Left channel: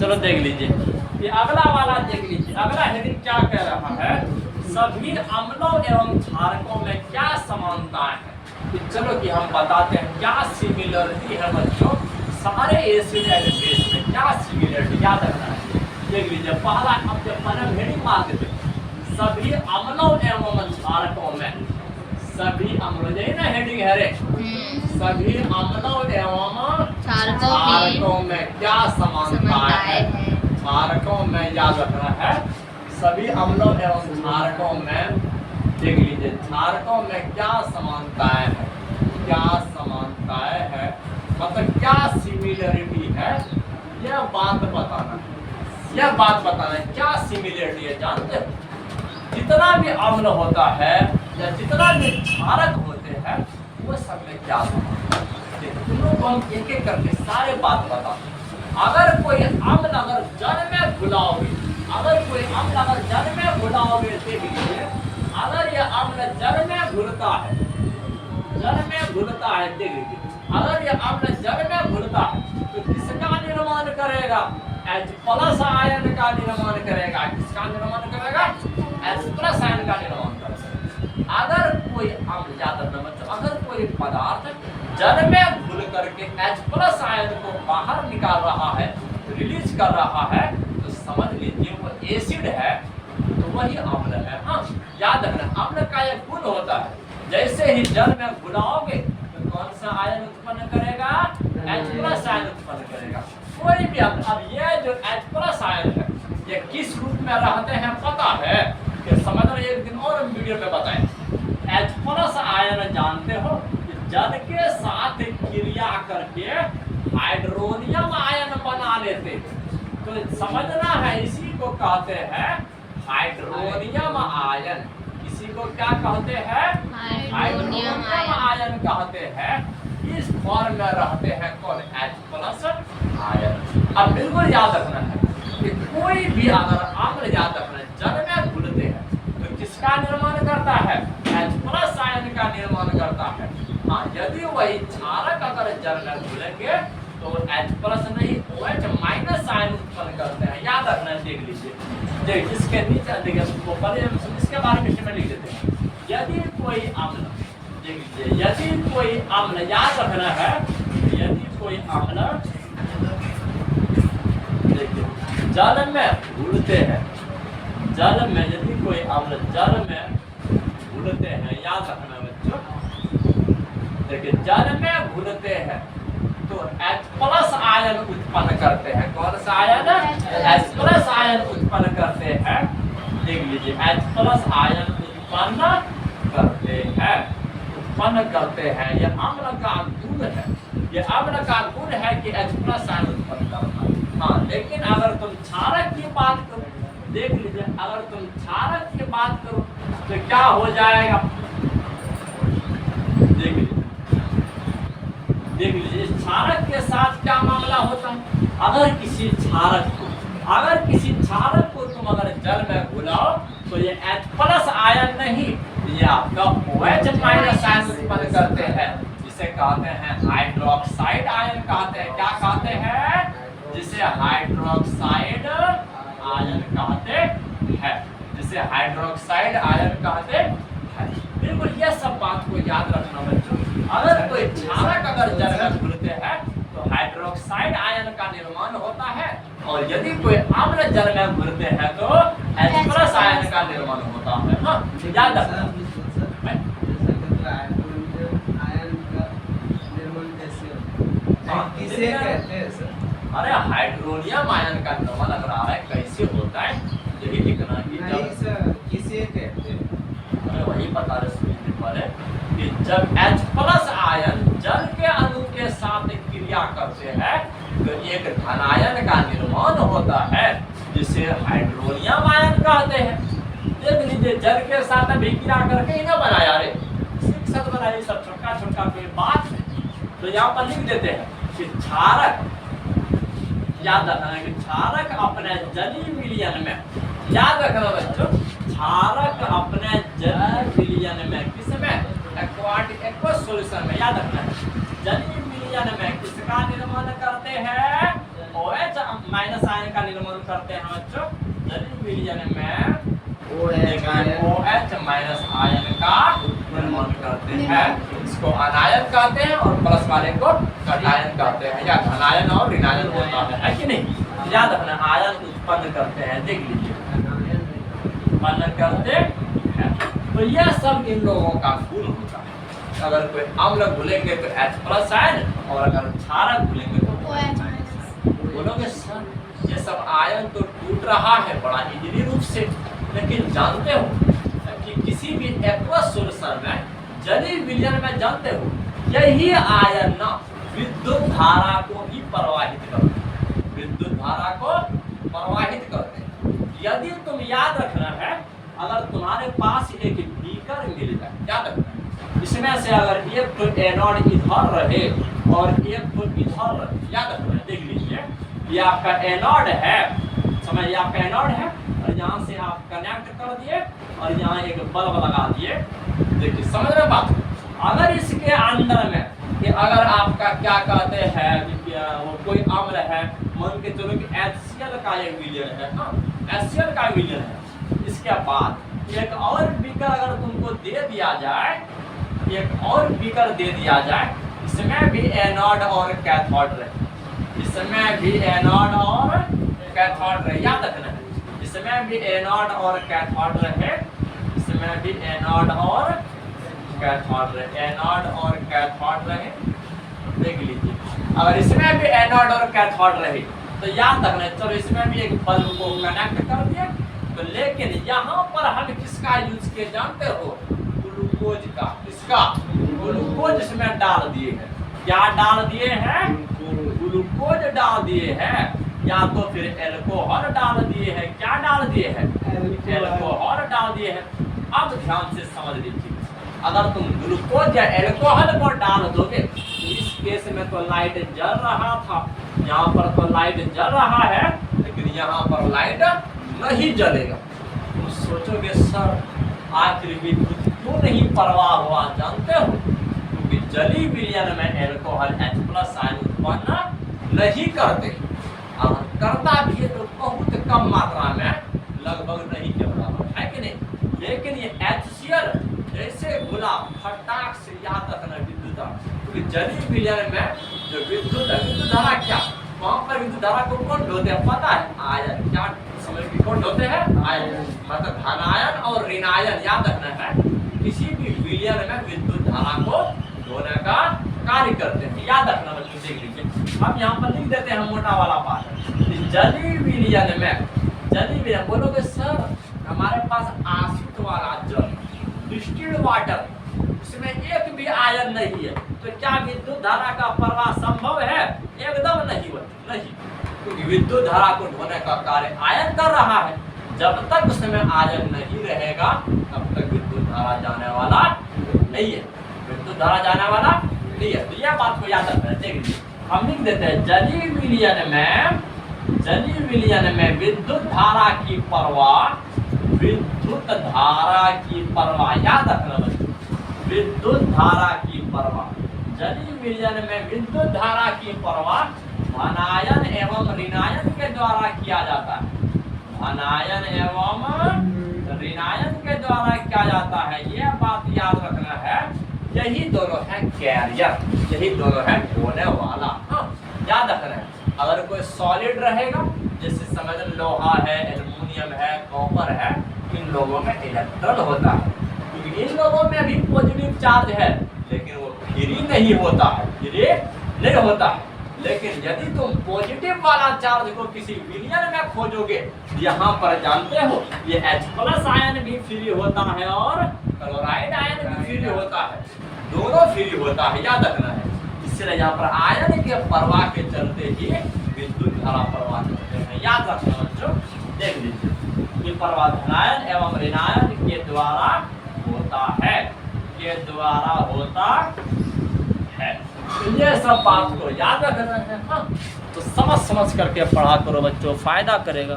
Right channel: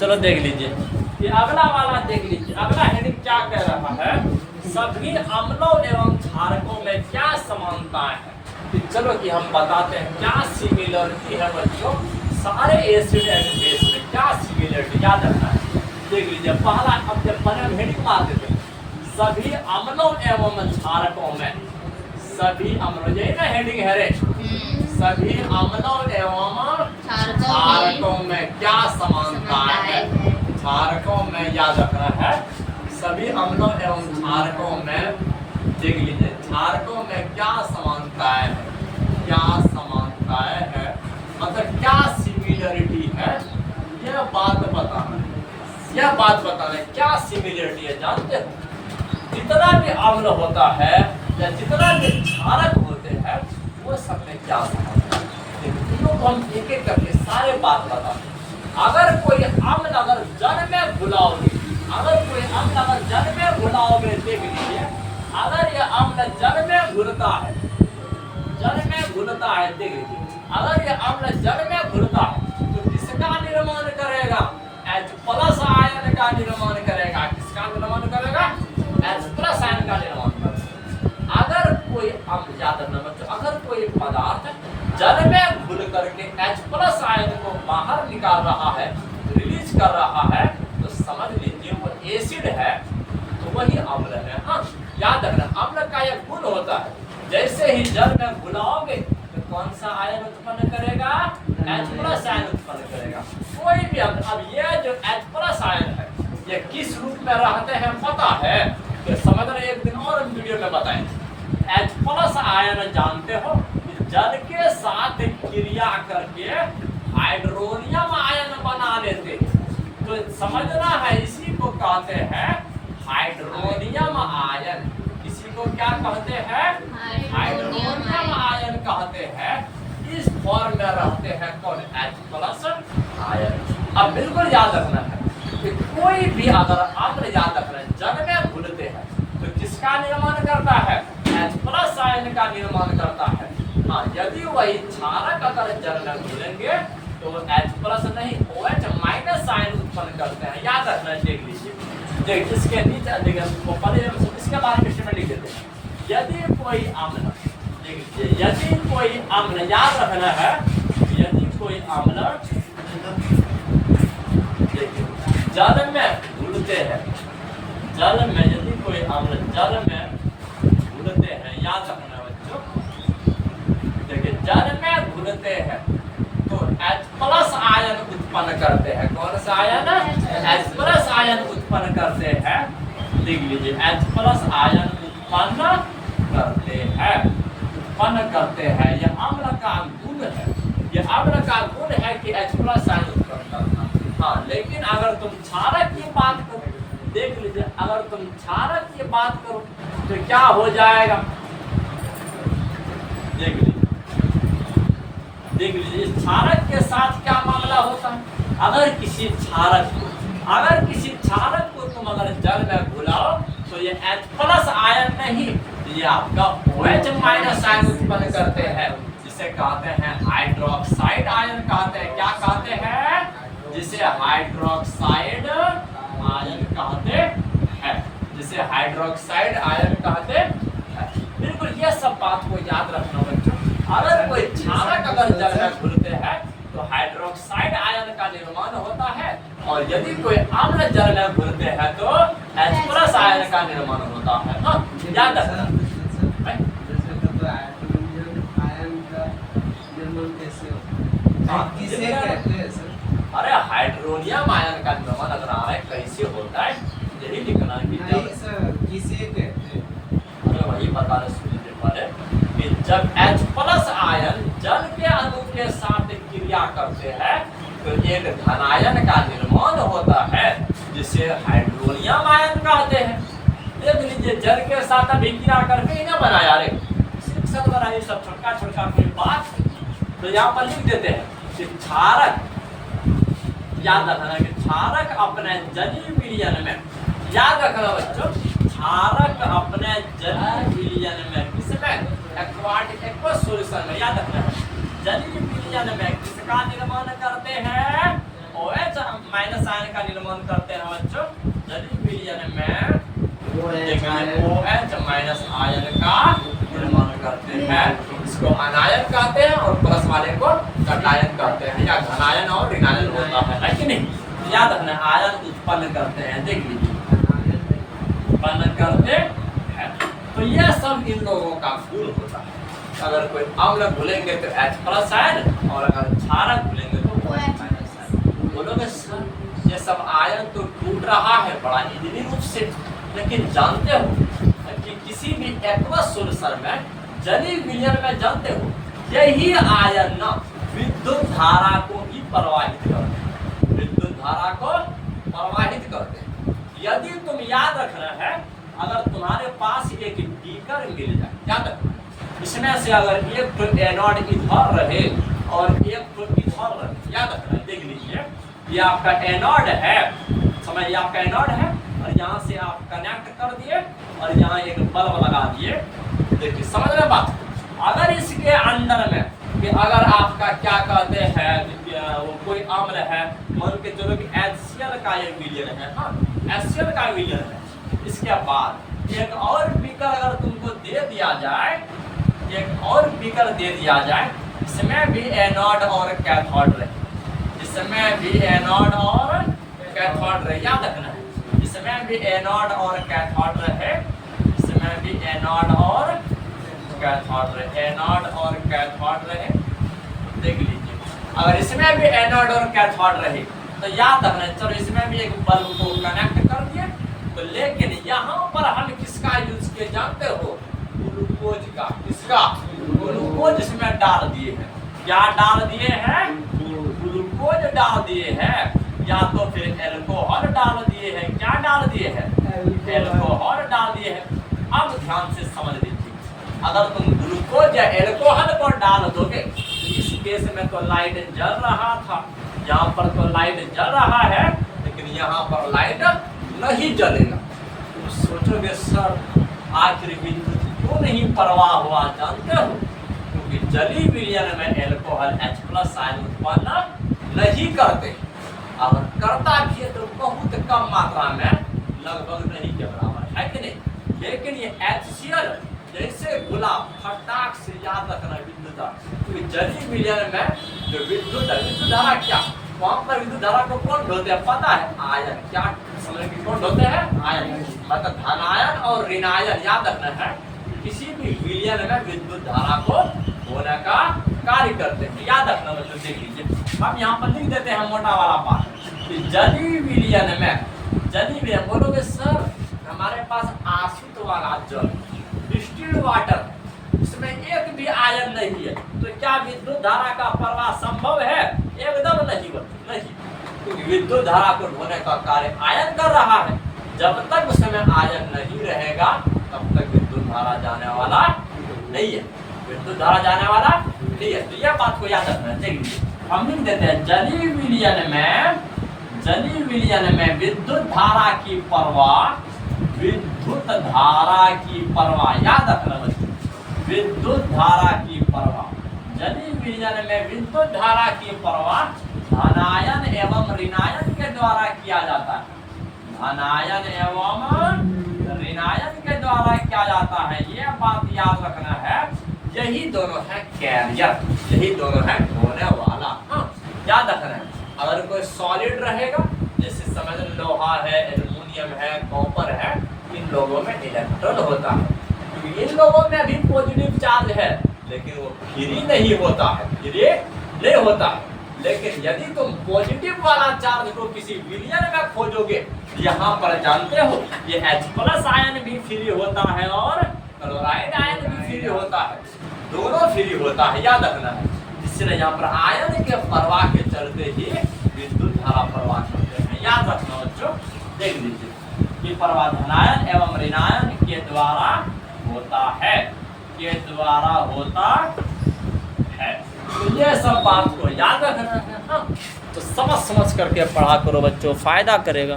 चलो देख लीजिए, ये अगला वाला देख लीजिए, अगला हेडिंग क्या कह रहा है, सभी अम्लों एवं क्षारकों में क्या समानताएं हैं। तो चलो कि हम बताते हैं क्या सिमिलरिटी है बच्चों, सारे एसिड एंड बेस में क्या सिमिलरिटी याद रखना है। देख लीजिए पहला, अब जब पहले हेडिंग मारते थे, सभी अम्लों एवं क्षारकों में, सभी अम्लों, यही ना हेडिंग है रे, सभी अम्लों एवं क्षारकों में क्या समानताएं है। क्षारकों में याद रखना है, सभी अम्लों एवं क्षारकों में, देख लीजिए क्षारकों में क्या समानताएं है, क्या समानताएं है, मतलब क्या सिमिलरिटी है, यह बात बताना है, यह बात बताना है क्या सिमिलरिटी है। जानते हो जितना भी अम्ल होता है या जितना भी क्षारक होते हैं वो सब में क्या समानता है, तुम लोग को हम एक एक करके सारे बात बताते हैं। अगर कोई अम्ल अगर जल में घुलाओगे, अगर कोई अम्ल अगर जल में घुलाओगे, देख लीजिए अगर यह अम्ल जल में घुलता है, जल में घुलता है, देख लीजिए अगर यह अम्ल जल में घुलता है तो किसका निर्माण करेगा, H+ आयन का निर्माण करेगा। किसका निर्माण करेगा, H+ आयन का निर्माण करेगा। अगर कोई अम्ल, याद रखना बच्चों, अगर कोई पदार्थ जल में घुल करके H+ आयन को बाहर निकाल रहा है, रिलीज कर रहा है, तो समझ लीजिए वो एसिड है, तो वही अम्ल है। हाँ याद रखना, अम्ल का एक गुण होता है, जैसे ही जल में घुलाओगे तो कौन सा आयन उत्पन्न करेगा, H+ आयन उत्पन्न करेगा। कोई भी अम्ल, अब ये जो H+ आयन है ये किस रूप में रहते हैं पता है, कि समझना, एक दिन और हम वीडियो में बताएंगे। H+ आयन जानते हो, जल के साथ क्रिया करके हाइड्रोनियम आयन बना लेते हैं, तो समझना है इसी को कहते हैं हाइड्रोनियम आयन। इसी को क्या कहते हैं, हाइड्रोनियम आयन कहते हैं। इस फॉर्म में रहते हैं कौन, H+ आयन। अब बिल्कुल याद रखना है कि कोई भी अगर अम्ल, याद रखना जल में घुलते हैं तो किसका निर्माण करता है, H+ आयन का निर्माण करता है। हाँ यदि वही क्षारक अगर जल में घुलेंगे तो H+ नहीं OH- आयन उत्पन्न करते हैं। याद रखना, देख लीजिए, देख इसके नीचे देखिए, पहले इसके बारे में लिख देते हैं। यदि कोई अम्ल, देख लीजिए यदि कोई अम्ल, याद रखना है, यदि कोई अम्ल देखिए जल में घुलते हैं, जल में यदि कोई अम्ल जल में घुलते हैं, याद रखना बच्चों, देखिए जल में घुलते हैं तो H+ आयन उत्पन्न करते हैं। कौन सा आयन, H+ आयन उत्पन्न करते हैं। देख लीजिए H+ आयन उत्पन्न करते हैं, उत्पन्न करते हैं। यह अम्ल का गुण है, यह अम्ल का गुण है कि H+ आयन उत्पन्न करना। हाँ लेकिन अगर तुम क्षारक की बात करो, देख लीजिए अगर तुम क्षारक की बात करो तो क्या हो जाएगा, देख लीजिए, देख लीजिए क्षारक के साथ क्या मामला होता है। अगर किसी क्षारक को तुम अगर जल में घुलाओ तो ये H+ आयन नहीं, ये आपका OH- आयन उत्पन्न करते हैं, जिसे कहते हैं हाइड्रोक्साइड आयन कहते हैं। क्या कहते हैं, जिसे हाइड्रोक्साइड आयन कहते हैं, जिसे हाइड्रोक्साइड आयन कहते हैं। बिल्कुल ये सब बात को याद रखना बच्चों। अगर कोई क्षारक अगर जल में घुलते हैं तो हाइड्रोक्साइड आयन का निर्माण होता है, और यदि कोई अम्ल जल में घुलते हैं तो H+ आयन का निर्माण होता है। हाँ याद रखना। किसे कहते हैं सर? अरे हाइड्रोनियम आयन का निर्माण अगर आ रहा है कैसे होता है, यही लिखना कि नहीं सर, किसे कहते हैं? अरे वही बता रहे सुनिए पहले कि जब H+ आयन जल के अणु के साथ क्रिया करते हैं तो एक धनायन का निर्माण होता है, जिसे हाइड्रोनियम आयन कहते हैं। देख लीजिए जल के साथ अभी क्रिया करके ही ना बनाया रे, सिर्फ सब बनाइए, सब छोटा छोटा कोई बात नहीं। तो यहाँ पर लिख देते हैं कि क्षारक, याद रखना कि क्षारक अपने जलीय विलयन में, याद रखना बच्चों, क्षारक अपने जलीय विलयन में, किसमें, एक्वस सॉल्यूशन में, याद रखना है, जलीय विलयन में किसका निर्माण करते हैं, OH माइनस आयन का निर्माण करते हैं बच्चों। जलीय विलयन में OH माइनस आयन का निर्माण करते हैं। इसको अनायन कहते हैं और प्लस वाले को कटायन कहते हैं, या धनायन और ऋणायन होता है कि नहीं। याद रखना, आयन उत्पन्न करते हैं, देख लीजिए उत्पन्न करते हैं। तो यह सब इन लोगों का गुण होता है। अगर कोई अम्ल घुलेंगे तो H+ आयन, और अगर क्षारक घुलेंगे तो OH आयन। बोलोगे सर ये सब आयन तो टूट रहा है बड़ा इजीली रूप से, लेकिन जानते हो कि किसी भी एक्वस सॉल्यूशन में, जलीय विलयन में, जानते हो यही आयन ना विद्युत धारा को ही प्रवाहित करते हैं, विद्युत धारा को प्रवाहित करते हैं। यदि तुम याद रखना है, अगर तुम्हारे पास एक बीकर मिल जाए, याद रखना इसमें से अगर एक तो एनोड इधर रहे और एक तो इधर रहे, याद रखना, देख लीजिए ये आपका एनोड है, समझ, ये आपका एनोड है, और यहाँ से आप कनेक्ट कर दिए और यहाँ एक बल्ब लगा दिए। देखिए समझ रहे बात। अगर इसके अंदर में कि अगर आपका क्या कहते हैं वो कोई अम्ल है, मान के चलो कि HCl का ये विलयन है, हाँ HCl का विलयन है। इसके बाद एक और बीकर अगर तुमको दे दिया जाए, एक और बीकर दे दिया जाए, इसमें भी एनोड और कैथोड रहे, इसमें भी एनोड और कैथोड रहे, याद रखना है, इसमें भी एनोड और कैथोड रहे, इसमें भी एनोड और कैथोड रहे, एनोड और कैथोड रहे। देख लीजिए अगर इसमें भी एनोड और कैथोड रहे तो याद रखना, चलो इसमें भी एक बल्ब को कनेक्ट कर दिए, तो लेकिन यहाँ पर हम किसका यूज किए जानते हो, ग्लूकोज का। किसका? ग्लूकोज इसमें डाल दिए हैं। क्या डाल दिए हैं? ग्लूकोज डाल दिए हैं, या तो फिर एल्कोहल डाल दिए हैं। क्या डाल दिए हैं? एल्कोहल डाल दिए हैं। अब ध्यान से समझ लीजिए, अगर तुम ग्लूकोज या एल्कोहल को डाल दोगे तो इस केस में तो लाइट जल रहा था, यहाँ पर तो लाइट जल रहा है, लेकिन यहाँ पर लाइट नहीं जलेगा। तो सोचोगे सर आखिर विद्युत क्यों नहीं प्रवाह हुआ, जानते हो? क्योंकि जलीय विलयन में एल्कोहल H+ आयन उत्पन्न नहीं करते, अगर करता भी है तो बहुत कम मात्रा में, लगभग नहीं के बराबर, है कि नहीं। लेकिन ये HCl जैसे घुला, फटाक से याद रखना विद्युत धारा, क्योंकि जलीय विलयन में जो विद्युत धारा क्या, वहाँ पर विद्युत धारा को कौन ढोते हैं पता है? आयन। क्या समझ के कौन ढोते हैं? आयन, मतलब धनायन और ऋणायन। याद रखना है किसी भी विलयन में विद्युत धारा को ढोने का कार्य करते हैं, याद रखना बच्चों। देख लीजिए हम यहाँ पर लिख देते हैं मोटा वाला पाठ कि जलीय विलयन में, जलीय विलयन बोलोगे सर हमारे पास आशित वाला जल, डिस्टिल्ड वाटर, इसमें एक भी आयन नहीं है, तो क्या विद्युत धारा का प्रवाह संभव है? एकदम नहीं होता, नहीं, क्योंकि विद्युत धारा को ढोने का कार्य आयन कर रहा है। जब तक उसमें आयन नहीं रहेगा तब तक विद्युत धारा जाने वाला नहीं है, विद्युत धारा जाने वाला नहीं है। तो यह बात को याद रखना। देख लीजिए हम लिख देते हैं जलीय विलयन में, जलीय विलयन में विद्युत धारा की प्रवाह, विद्युत धारा की प्रवाह, याद रखना बच्चों, विद्युत धारा की प्रवाह, जलीय विलयन में विद्युत धारा की प्रवाह धनायन एवं ऋणायन के द्वारा किया जाता है, धनायन एवं ऋणायन के द्वारा किया जाता है। यह बात याद रखना है, यही दोनों है कैरियर, यही दोनों है ढोने वाला। हाँ याद रखना है, अगर कोई सॉलिड रहेगा, जैसे समझ लोहा है, एल्युमिनियम है, कॉपर है, इन लोगों में इलेक्ट्रॉन होता है, क्योंकि इन लोगों में भी पॉजिटिव चार्ज है, लेकिन वो फ्री नहीं होता है, फ्री नहीं होता है। लेकिन यदि तुम पॉजिटिव वाला चार्ज को किसी विलयन में खोजोगे, यहाँ पर जानते हो ये H+ आयन भी फ्री होता है और क्लोराइड आयन भी फ्री होता है, दोनों फ्री होता है, याद रखना है। इसलिए यहाँ पर आयन के प्रवाह के चलते ही विद्युत धारा प्रवाह करते हैं, याद रखना बच्चों। देख लीजिए ये प्रवाह धनायन एवं ऋणायन के द्वारा होता है, के द्वारा होता है। तो ये सब बात को याद रखना है। हाँ तो समझ करके पढ़ा करो बच्चों, फायदा करेगा।